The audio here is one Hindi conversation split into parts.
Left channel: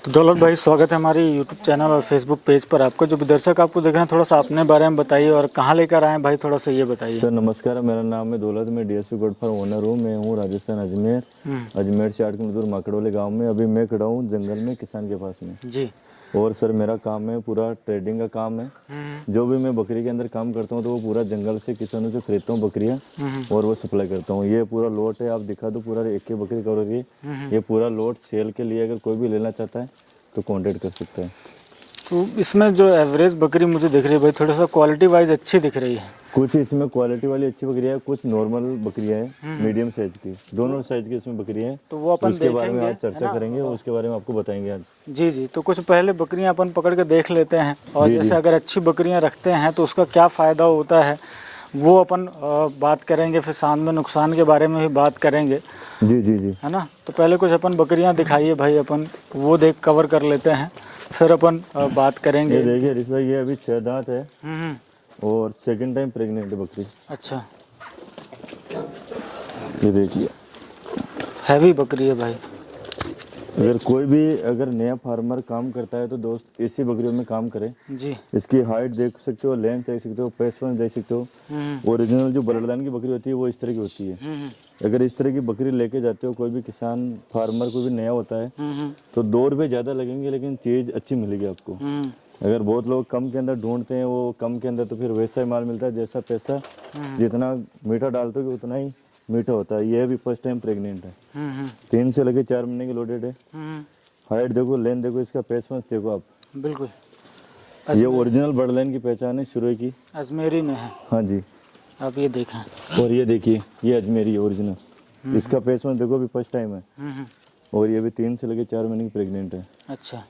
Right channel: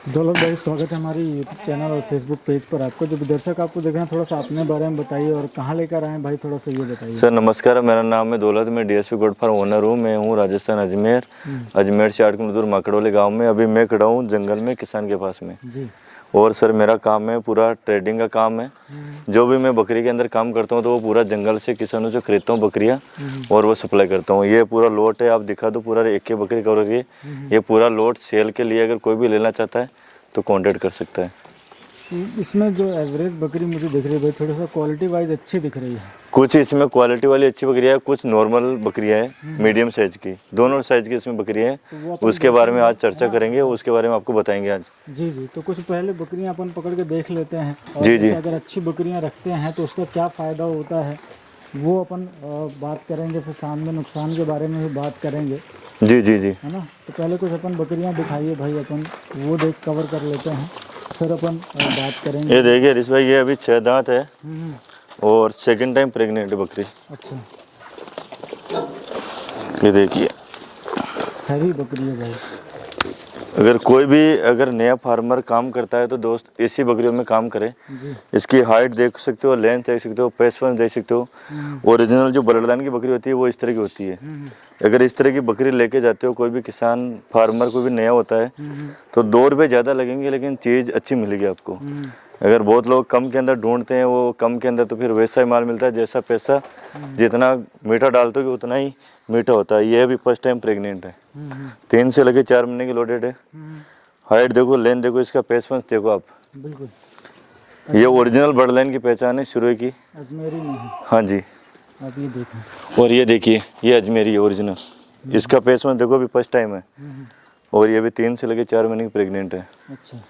तो दौलत भाई, स्वागत है हमारे यूट्यूब चैनल और फेसबुक पेज पर। आपको जो भी दर्शक आपको देख रहे हैं, थोड़ा सा अपने बारे में बताइए और कहाँ लेकर आए भाई, थोड़ा सा ये बताइए। सर नमस्कार, मेरा नाम है दौलत, मैं डीएसपी गोट फार्म ओनर हूँ। मैं हूँ राजस्थान अजमेर से 8 किलोमीटर दूर माकड़ोली गांव में। अभी मैं खड़ा हूँ जंगल में, किसान के पास में जी। और सर मेरा काम है पूरा ट्रेडिंग का काम है। जो भी मैं बकरी के अंदर काम करता हूँ तो वो पूरा जंगल से किसानों से खरीदता हूँ बकरियाँ और वो सप्लाई करता हूँ। ये पूरा लोट है, आप दिखा दो, पूरा एक बकरी कवर के ये पूरा लोट सेल के लिए अगर कोई भी लेना चाहता है तो कॉन्टेक्ट कर सकता है। तो इसमें जो एवरेज बकरी मुझे दिख रही है भाई, थोड़ा सा क्वालिटी वाइज अच्छी दिख रही है। कुछ इसमें क्वालिटी वाली अच्छी बकरियाँ है, कुछ नॉर्मल बकरियाँ हैं, मीडियम साइज की, दोनों साइज की इसमें बकरियाँ हैं। तो वो अपन उसके बारे में आज देखेंगे, चर्चा करेंगे, उसके बारे में आपको बताएंगे आज। जी जी। तो कुछ पहले बकरियां अपन पकड़ के देख लेते हैं और जी जैसे जी अगर अच्छी बकरियां रखते हैं तो उसका क्या फ़ायदा होता है वो अपन बात करेंगे। फिर साथ में नुकसान के बारे में भी बात करेंगे, जी जी जी है ना। तो पहले कुछ अपन बकरियां दिखाइए भाई, अपन वो देख कवर कर लेते हैं, फिर अपन बात करेंगे। ये देखिए हरीश भाई, ये अभी 6 दांत है हम्म। और सेकंड टाइम प्रेग्नेंट है बकरी। अच्छा, ये देखिए, हैवी बकरी है भाई। अगर नया फार्मर काम करता है तो दोस्त इसी बकरियों में काम करे। जी। इसकी हाइट देख सकते हो, लेंथ देख सकते हो, पेसफेंस देख सकते हो। ओरिजिनल जो ब्लड लाइन की बकरी होती है वो इस तरह की होती है। अगर इस तरह की बकरी लेके जाते हो, कोई भी किसान फार्मर कोई भी नया होता है तो 2 रुपये ज़्यादा लगेंगे लेकिन चीज़ अच्छी मिलेगी आपको। अगर बहुत लोग कम के अंदर ढूंढते हैं, वो कम के अंदर तो फिर वैसा ही माल मिलता है, जैसा पैसा जितना मीठा डालते हो उतना ही मीठा होता है। ये भी फर्स्ट टाइम प्रेग्नेंट है, 3 से लेके 4 महीने की लोडेड है। हाइट देखो, लेंथ देखो, इसका पेसमेंस देखो आप। बिल्कुल। ये ओरिजिनल ब्लड लाइन की पहचान है शुरू की। अजमेरी में है, हाँ जी। आप ये देखें। और ये देखिए, ये अजमेरी है ओरिजिनल। इसका पेसमेंस देखो, अभी फर्स्ट टाइम है और ये भी 3 से लेके 4 महीने की प्रेग्नेंट है। अच्छा,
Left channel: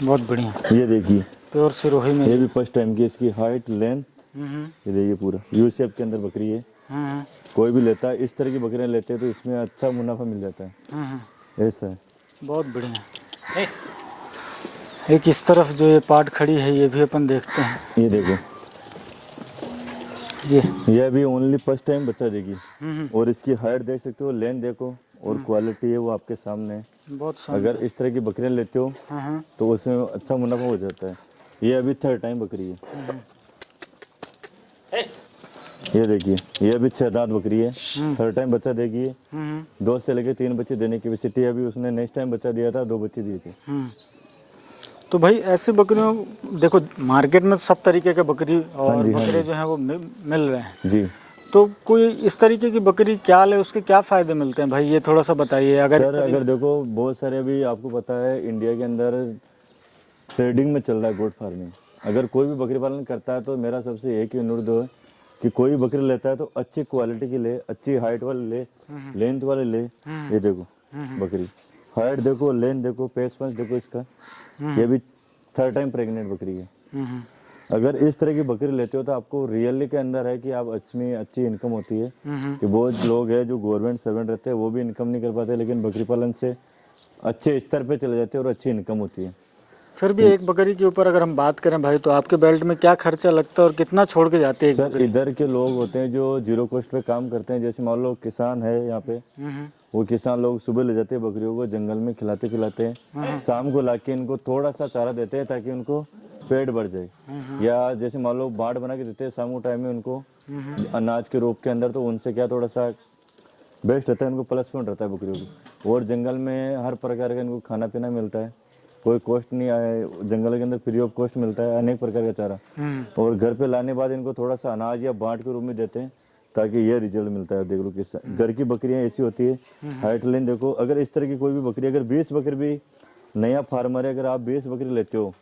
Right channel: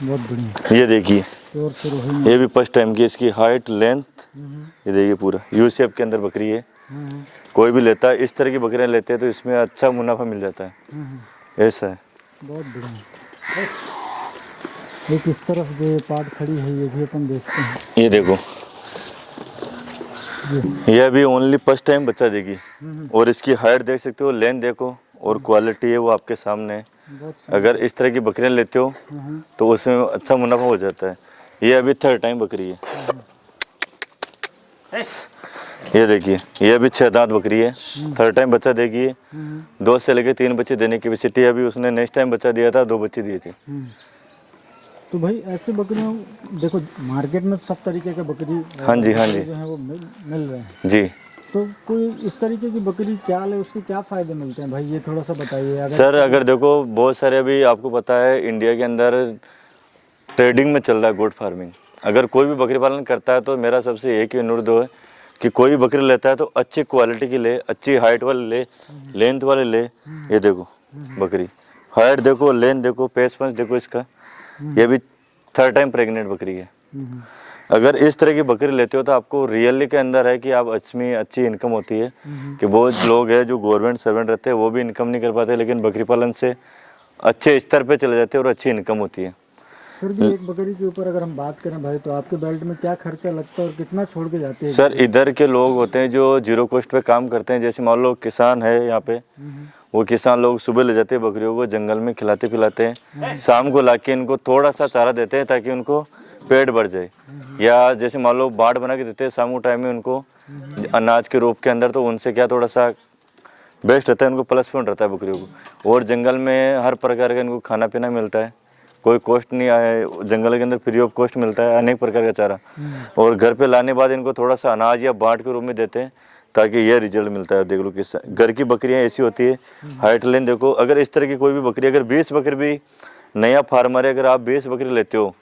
बहुत बढ़िया। ये देखिए, प्योर सिरोही में। ये भी फर्स्ट टाइम की। इसकी हाइट लेंथ ये देखिए, पूरा यू शेप के अंदर बकरी है। कोई भी लेता है, इस तरह की बकरियां लेते हैं तो इसमें अच्छा मुनाफा मिल जाता है। ऐसा है, बहुत बढ़िया। एक इस तरफ जो ये पार्ट खड़ी है, ये भी अपन देखते हैं। ये देखो, ये अभी ओनली फर्स्ट टाइम बच्चा देगी और इसकी हाइट देख सकते हो, लेंथ देखो और क्वालिटी है वो आपके सामने है। बहुत अगर इस तरह की बकरियां लेते हो तो उसमें अच्छा मुनाफा हो जाता है। ये अभी 3rd टाइम बकरी है। ये देखिए, ये अभी 6 दांत बकरी है, 3rd टाइम बच्चा देगी है। 2 से लेके 3 बच्चे देने की कैपेसिटी है। अभी उसने नेक्स्ट टाइम बच्चा दिया था, 2 बच्चे दिए थे। तो भाई ऐसे बकरियों, देखो मार्केट में सब तरीके के बकरी हाँ जी, हाँ बकरे जी जो हैं वो मिल रहे हैं जी। तो कोई इस तरीके की बकरी क्या ले, उसके क्या फ़ायदे मिलते हैं भाई, ये थोड़ा सा बताइए। अगर देखो, बहुत सारे अभी आपको पता है इंडिया के अंदर ट्रेडिंग में चल रहा है गोट फार्मिंग। अगर कोई भी बकरी पालन करता है तो मेरा सबसे एक ही अनुरोध है कि कोई भी बकरी लेता है तो अच्छी क्वालिटी की ले, अच्छी हाइट वाले ले, लेंथ वाले ले। ये देखो बकरी, हाइट देखो, लेंथ देखो, पेसमेंस देखो इसका। ये भी 3rd टाइम प्रेग्नेंट बकरी है। अगर इस तरह की बकरी लेते हो तो आपको रियली के अंदर है कि आप अच्छी इनकम होती है। कि बहुत लोग हैं जो गवर्नमेंट सर्वेंट रहते हैं वो भी इनकम नहीं कर पाते, लेकिन बकरी पालन से अच्छे स्तर पे चले जाते हैं और अच्छी इनकम होती है। फिर भी एक बकरी के ऊपर अगर हम बात करें भाई, तो आपके बेल्ट में क्या खर्चा लगता है और कितना छोड़ के जाते हैं? सर इधर के लोग होते हैं जो 0 कॉस्ट पे काम करते हैं। जैसे मान लो किसान है यहाँ पे, वो किसान लोग सुबह ले जाते हैं बकरियों को, जंगल में खिलाते पिलाते हैं, शाम को लाके इनको थोड़ा सा चारा देते हैं ताकि उनको पेट भर जाए। या जैसे मान लो बाट बना के देते हैं शाम को टाइम में उनको अनाज के रूप के अंदर, तो उनसे क्या थोड़ा सा बेस्ट रहता है, उनको प्लस पॉइंट रहता है बकरियों को। और जंगल में हर प्रकार का इनको खाना पीना मिलता है, कोई कॉस्ट नहीं आए, जंगल के अंदर फ्री ऑफ कॉस्ट मिलता है अनेक प्रकार का चारा। और घर पे लाने बाद इनको थोड़ा सा अनाज या बाट के रूप में देते हैं ताकि ये रिजल्ट मिलता है। देख लो किस घर की बकरियां ऐसी होती है, हाइट लेंथ देखो। अगर इस तरह की कोई भी बकरी, अगर 20 बकरी भी नया फार्मर है, अगर आप 20 बकरी लेते हो,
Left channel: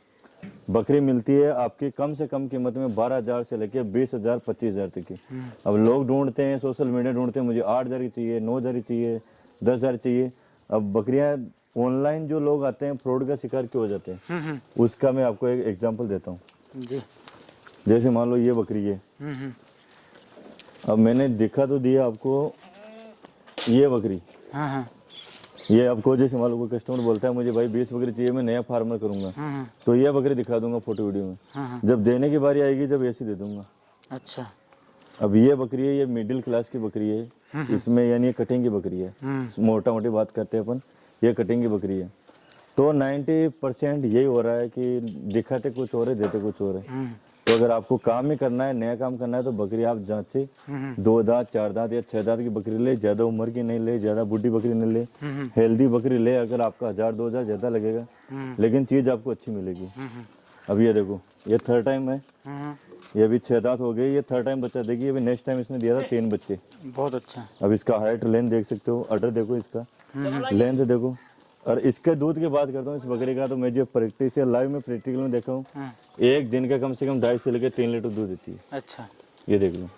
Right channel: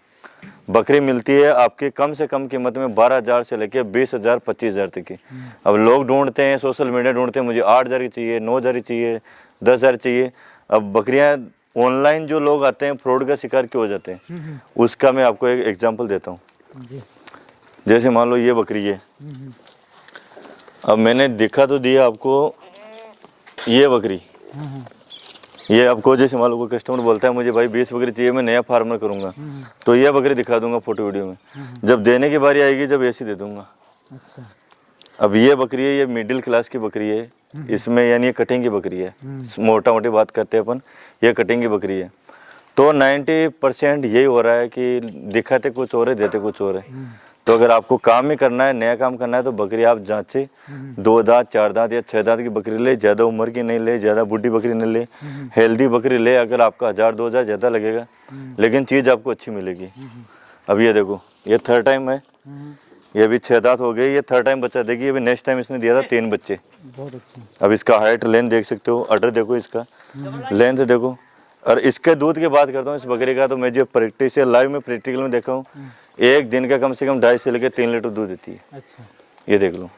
बकरी मिलती है आपकी कम से कम कीमत में 12,000 से लेके 20,000 25,000 तक की। अब लोग ढूंढते हैं, सोशल मीडिया ढूंढते हैं, मुझे 8,000 की चाहिए, 9,000 की चाहिए, 10,000 चाहिए। अब बकरियां ऑनलाइन जो लोग आते हैं फ्रॉड का शिकार क्यों हो जाते हैं, उसका मैं आपको एक एग्जांपल देता हूँ। जी। जैसे मान लो ये बकरी है, अब मैंने दिखा तो दिया आपको ये बकरी। ये आपको जैसे मान लो कोई कस्टमर बोलता है मुझे भाई 20 बकरी चाहिए, मैं नया फार्मर करूंगा, तो ये बकरी दिखा दूंगा फोटो वीडियो में। जब देने की बारी आएगी जब ऐसी दे दूंगा। अच्छा। अब ये बकरी है, ये मिडिल क्लास की बकरी है, इसमें यानी ये कटिंग की बकरी है, मोटा मोटी बात करते हैं अपन, ये कटिंग की बकरी है। तो 90% यही हो रहा है कि दिखाते कुछ और है, देते कुछ और है। तो अगर आपको काम ही करना है, नया काम करना है, तो बकरी आप जांचे, 2 दांत 4 दांत या 6 दांत की बकरी ले, ज़्यादा उम्र की नहीं ले, ज़्यादा बूढ़ी बकरी नहीं ले, हेल्दी बकरी ले। अगर आपका 1000-2000 ज़्यादा लगेगा, लेकिन चीज़ आपको अच्छी मिलेगी। अब ये देखो, ये 3rd टाइम है, ये अभी 6 दांत हो गए, ये 3rd टाइम बच्चा देगी। अभी नेक्स्ट टाइम इसने दिया था 3 बच्चे। बहुत अच्छा। अब इसका हाइट लेंथ देख सकते हो, अडर देखो, इसका लेंथ देखो। और इसके दूध की बात करता हूँ इस बकरी का, तो मैं जो प्रैक्टिस लाइव में प्रैक्टिकल में देखा हूँ, एक दिन का कम से कम 2.5 से लेकर 3 लीटर दूध देती है। अच्छा, ये देख लो,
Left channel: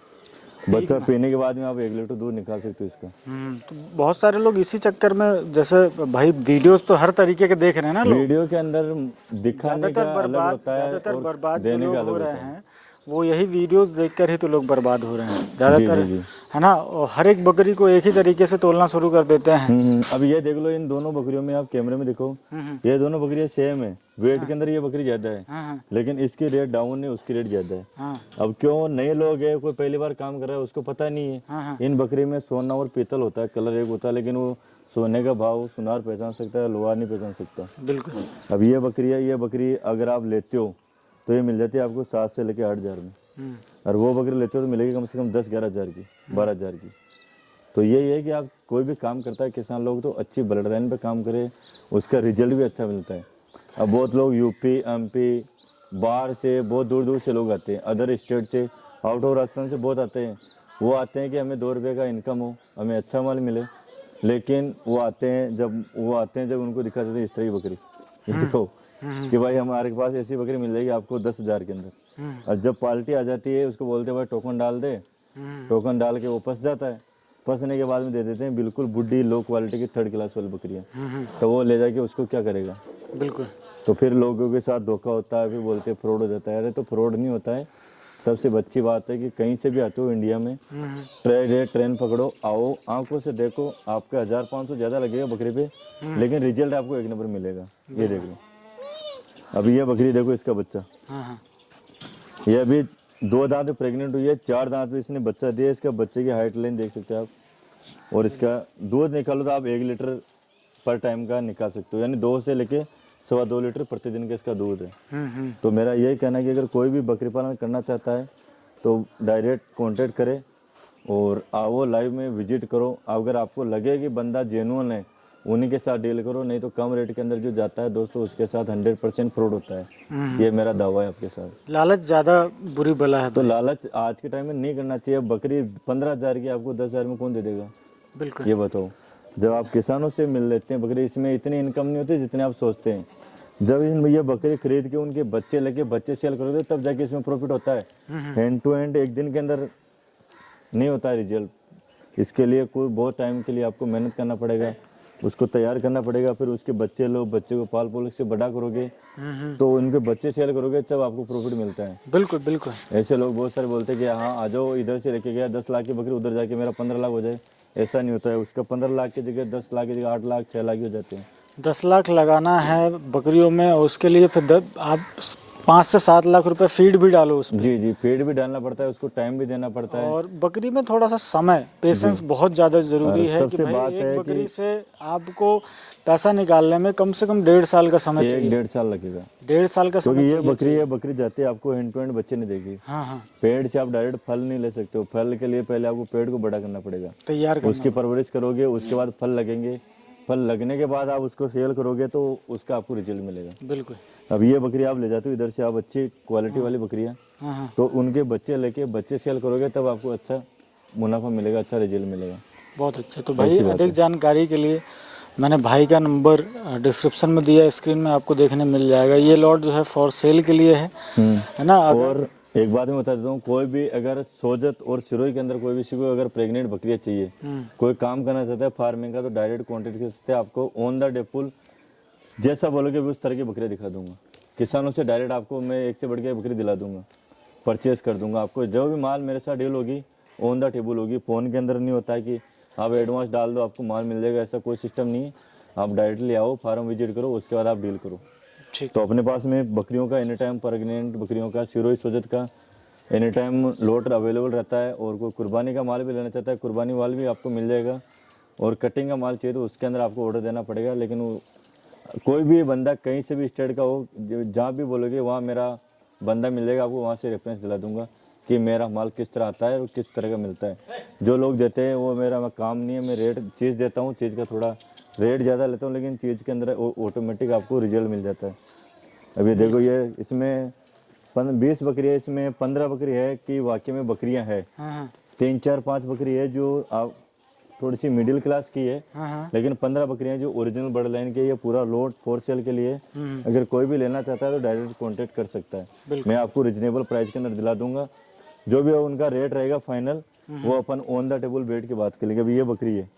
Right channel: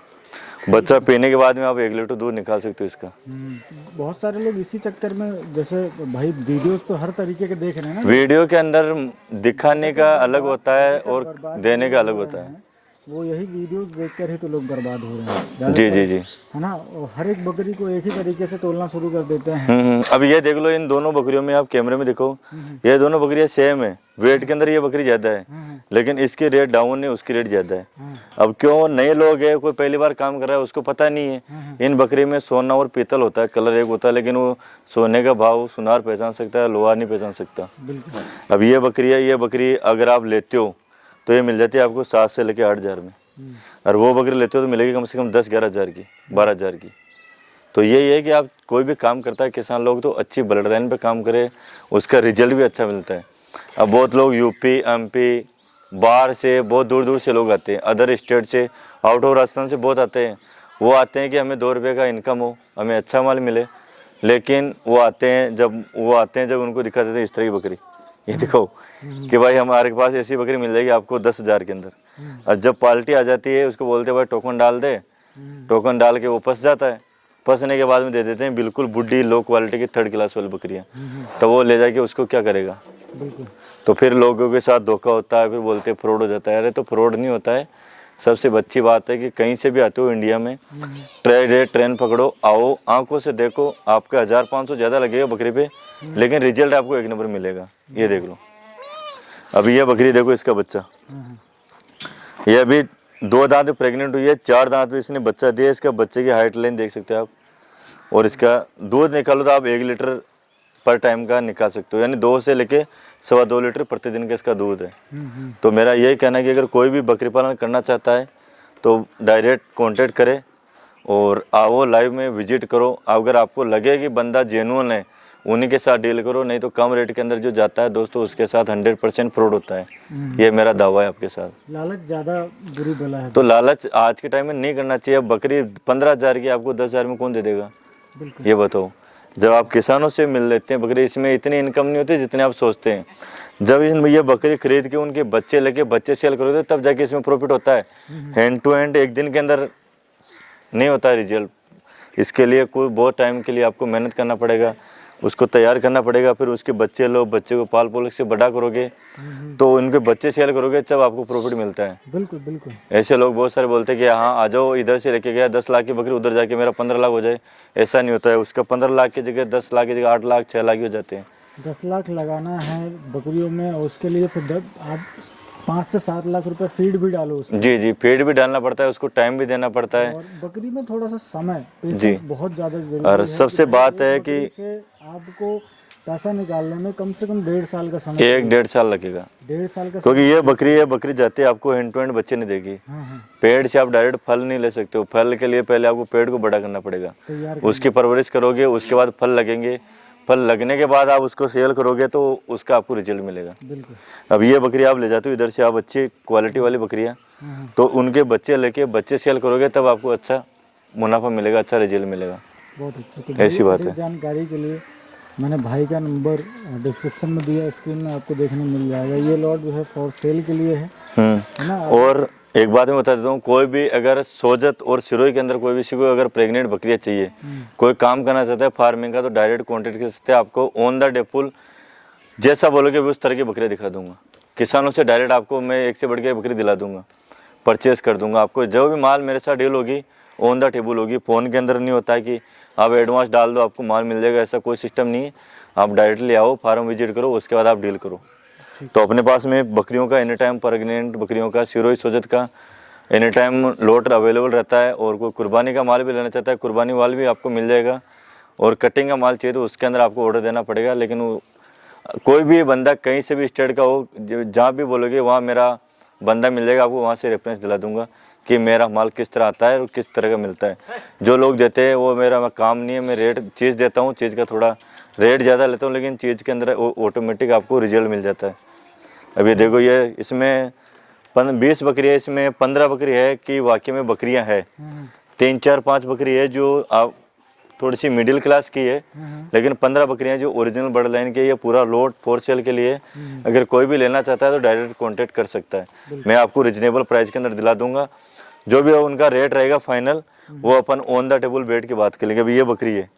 बच्चा पीने के बाद में आप 1 लीटर दूध निकाल सकते हो इसका। तो बहुत सारे लोग इसी चक्कर में, जैसे भाई वीडियोस तो हर तरीके के देख रहे हैं ना, वीडियो के अंदर दिखाने का अलग होता है ज़्यादातर और बर्बाद देने जो का लोग अलग हो होता रहे है। हैं, वो यही वीडियोस देखकर ही तो लोग बर्बाद हो रहे हैं जी ज़्यादातर, जी, है ना। और हर एक बकरी को एक ही तरीके से तोलना शुरू कर देते हैं। अब ये देख लो, इन दोनों बकरियों में आप कैमरे में देखो, ये दोनों बकरियां सेम है, वेट के अंदर ये बकरी ज्यादा है, लेकिन इसकी रेट डाउन है, उसकी रेट ज्यादा है। अब क्यों, नए लोग है, कोई पहली बार काम कर रहा है, उसको पता नहीं है इन बकरी में सोना और पीतल होता है, कलर एक होता है, लेकिन वो सोने का भाव सुनार पहचान सकता है, लोहार नहीं पहचान सकता। बिल्कुल। अब ये बकरी है, ये बकरी अगर आप लेते हो तो ये मिल जाती है आपको 7 से लेकर 8 हज़ार में, और वो बकरी लेते हो तो मिलेगी कम से कम 10-11 हज़ार की, 12 हज़ार की। तो यही है कि आप कोई भी काम करता है किसान लोग, तो अच्छी ब्लड लाइन पे काम करे, उसका रिजल्ट भी अच्छा मिलता है। अब बहुत लोग यूपी एमपी बाहर से, बहुत दूर दूर से लोग आते हैं, अदर स्टेट से, आउट ऑफ राजस्थान से बहुत आते हैं। वो आते हैं कि हमें 2 रुपये का इनकम हो, हमें अच्छा माल मिले, लेकिन वो आते हैं जब उनको दिखा देते हैं इस तरह की बकरी, ये देखो कि भाई हमारे पास ऐसी बकरी मिल जाएगी आपको 10 हज़ार के अंदर। और जब पार्टी आ जाती है, उसको बोलते हैं भाई टोकन डाल दे, टोकन डाल के वो फंस जाता है, फंसने के बाद में दे देते हैं बिल्कुल बुढ़ी लो क्वालिटी की 3rd क्लास वाली बकरियाँ। तो वो ले जाके उसको क्या करेगा, बिल्कुल। तो फिर लोगों के साथ धोखा होता है, फिर बोलते हैं फ्रॉड हो जाता है। अरे तो फ्रॉड नहीं होता है, सबसे अच्छी बात है कि कहीं से भी आते हो इंडिया में, ट्रेन पकड़ो, आओ, आंखों से देखो, आपका 1500 ज़्यादा लगेगा बकरी पे, लेकिन रिजल्ट आपको 1 नंबर मिलेगा। ये देख लो, अभी ये बकरी देखो, इसका बच्चा, ये अभी 2 दांत प्रेग्नेंट हुई है, 4 दांत में इसने बच्चा दिया। इसका बच्चे की हाइट लाइन देख सकते हो आप, और इसका दूध निकालो तो आप 1 लीटर पर टाइम का निकाल सकते हो, यानी 2 से लेके 2.25 लीटर प्रतिदिन का इसका दूध है। तो मेरा यही कहना है कि अगर कोई भी बकरी पालन करना चाहता है तो डायरेक्ट कांटेक्ट करे और आओ, लाइव में विजिट करो। अगर आपको लगे कि बंदा जेन्युइन है, उन्हीं के साथ डील करो, नहीं तो कम रेट के अंदर जो जाता है दोस्तों, उसके साथ 100% फ्रॉड होता है। ये मेरा दावा है आपके साथ। लालच ज़्यादा बुरी बला है। तो लालच आज के टाइम में नहीं करना चाहिए। अब बकरी 15 हज़ार की आपको 10 हज़ार में कौन दे देगा, बिल्कुल। ये बताओ। जब आप किसानों से मिल लेते हैं बकरी, इसमें इतनी इनकम नहीं होती जितने आप सोचते हैं। जब ये बकरी खरीद के उनके बच्चे लेके बच्चे सेल करोगे तब जाके इसमें प्रॉफिट होता है। हैंड टू हैंड एक दिन के अंदर नहीं होता है रिजल्ट। इसके लिए कोई बहुत टाइम के लिए आपको मेहनत करना पड़ेगा, उसको तैयार करना पड़ेगा, फिर उसके बच्चे लो, बच्चे को पाल पोल से बड़ा करोगे तो उनके बच्चे सेल करोगे तब आपको प्रॉफिट मिलता है। बिल्कुल बिल्कुल। ऐसे लोग बहुत सारे बोलते हैं कि हाँ आ जाओ, इधर से लेके गया 10 लाख की बकरी, उधर जाके मेरा 15 लाख हो जाए। ऐसा नहीं होता है, उसका 15 लाख की जगह 10 लाख की जगह 8 लाख 6 लाख ही हो जाते हैं। 10 लाख लगाना है बकरियों में, और उसके लिए फिर आप 5 से 7 लाख रुपए फीड भी डालो उसमें। जी जी, फीड भी डालना पड़ता है, उसको टाइम भी देना पड़ता है। और बकरी में थोड़ा सा समय, पेशेंस बहुत ज़्यादा और जरूरी है। सबसे कि बात भाई है एक कि बकरी से आपको पैसा निकालने में कम से कम 1.5 साल का समय चाहिए। 1-1.5 साल लगेगा, 1.5 साल का क्योंकि समय। ये बकरी जाती है आपको हैंड टू हैंड बच्चे नहीं देगी। हाँ हाँ, पेड़ से आप डायरेक्ट फल नहीं ले सकते हो। फल के लिए पहले आपको पेड़ को बड़ा करना पड़ेगा, तैयार उसकी परवरिश करोगे, उसके बाद फल लगेंगे, फल लगने के बाद आप उसको सेल करोगे तो उसका आपको रिजल्ट मिलेगा। बिल्कुल। अब ये बकरी आप ले जाते हो इधर से, आप अच्छी क्वालिटी वाली बकरियाँ, तो उनके बच्चे लेके बच्चे सेल करोगे तब आपको अच्छा मुनाफा मिलेगा, अच्छा रिजल्ट मिलेगा। बहुत अच्छा। तो भाई अधिक जानकारी के लिए मैंने भाई का नंबर डिस्क्रिप्शन में दिया, स्क्रीन में आपको देखने मिल जाएगा। ये लॉट जो है फॉर सेल के लिए है ना। और एक बात मैं बता देता हूँ, कोई भी अगर सोजत और सिरोही के अंदर कोई भी को अगर प्रेग्नेंट बकरियाँ चाहिए, कोई काम करना चाहता है फार्मिंग का, तो डायरेक्ट कॉन्टेक्ट कर सकते हैं। आपको ऑन द डेपुल जैसा बोलोगे उस तरह की बकरियाँ दिखा दूंगा। किसानों से डायरेक्ट आपको मैं एक से बढ़ के बकरी दिला दूंगा, परचेस कर दूंगा। आपको जो भी माल मेरे साथ डील होगी ऑन द टेबल होगी। फ़ोन के अंदर नहीं होता है कि आप एडवांस डाल दो आपको माल मिल जाएगा, ऐसा कोई सिस्टम नहीं है। आप डायरेक्टली आओ, फार्म विजिट करो, उसके बाद आप डील करो। तो अपने पास में बकरियों का एनी टाइम, प्रेग्नेंट बकरियों का, सिरोही सोजत का एनी टाइम लोट अवेलेबल रहता है। और कोई कुर्बानी का माल भी लेना चाहता है, कुर्बानी माल भी आपको मिल जाएगा। और कटिंग का माल चाहिए तो उसके अंदर आपको ऑर्डर देना पड़ेगा, लेकिन कोई भी बंदा कहीं से भी स्टेट का हो, जहाँ भी बोलोगे वहाँ मेरा बंदा मिल जाएगा आपको, वहाँ से रेफरेंस दिला दूंगा कि मेरा माल किस तरह आता है और किस तरह का मिलता है। जो लोग देते हैं वो मेरा काम नहीं है, मैं रेट चीज़ देता हूँ, चीज़ का थोड़ा रेट ज़्यादा लेता हूँ, लेकिन चीज़ के अंदर ऑटोमेटिक आपको रिजल्ट मिल जाता है। अभी देखो ये इसमें 20 बकरी है, इसमें 15 बकरी है कि वाकई में बकरियां है, 3 4 5 बकरी है जो आप थोड़ी सी मिडिल क्लास की है, लेकिन 15 बकरियां जो ओरिजिनल बर्ड लाइन की है। ये पूरा लोड फॉर सेल के लिए, अगर कोई भी लेना चाहता है तो डायरेक्ट कांटेक्ट कर सकता है। मैं आपको रिजनेबल प्राइस के अंदर दिला दूंगा। जो भी उनका रेट रहेगा फाइनल, वो अपन ऑन द टेबल बैठ के बात कर लेंगे। अभी ये बकरी है,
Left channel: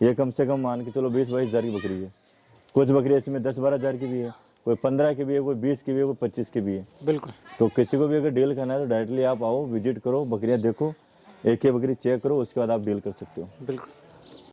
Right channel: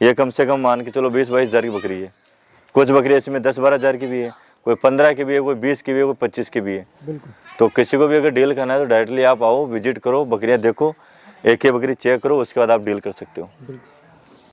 ये कम से कम मान के चलो 20-22 हज़ार की बकरी है। कुछ बकरी इसमें 10-12 हज़ार की भी है, कोई 15 की भी है, कोई 20 की भी है, कोई 25 की भी है। बिल्कुल। तो किसी को भी अगर डील करना है तो डायरेक्टली आप आओ, विजिट करो, बकरियां देखो, एक ही बकरी चेक करो, उसके बाद आप डील कर सकते हो। बिल्कुल।